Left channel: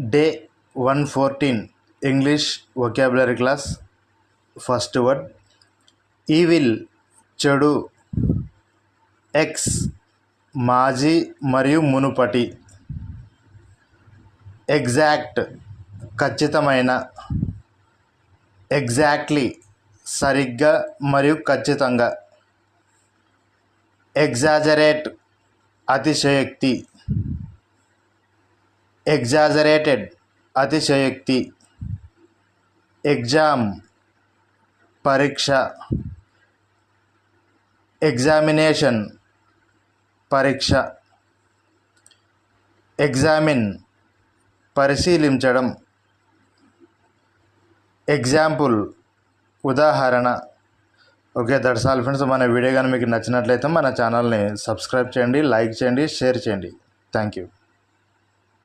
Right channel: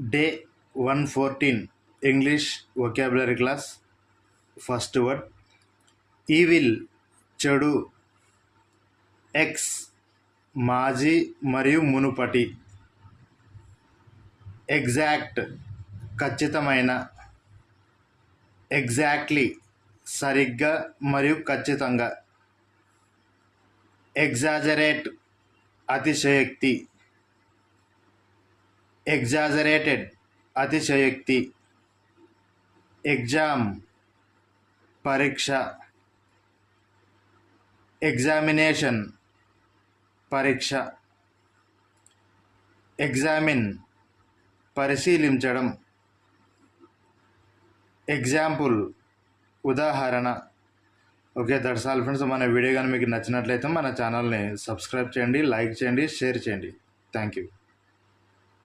Day 114 English vocabulary class. First word evil చెడు. X మాజీ మరియు మునుపటి. ఎగ్జాక్ట్ ఖచ్చితమైన. ఎగ్జాక్ట్లీ సరిగ్గా మరియు ఖచ్చితంగా. ఎగ్జాజరేట్ అతిశయోక్తి. ఎగ్జాజరేటెడ్ అతిశయోక్తి. ఎగ్జామ్ పరీక్ష. ఎగ్జామినేషన్ పరీక్ష. ఎగ్జామిన్ పరిశీలించడం. ఎగ్జాంపుల్ ఉదాహరణ. Okay, that's all friends. మన వీడియో కానీ మీకు నచ్చినట్లయితే మన ఛానల్ని సబ్స్క్రైబ్ చేయండి, లైక్ చేయండి, షేర్ చేయండి. Thank you.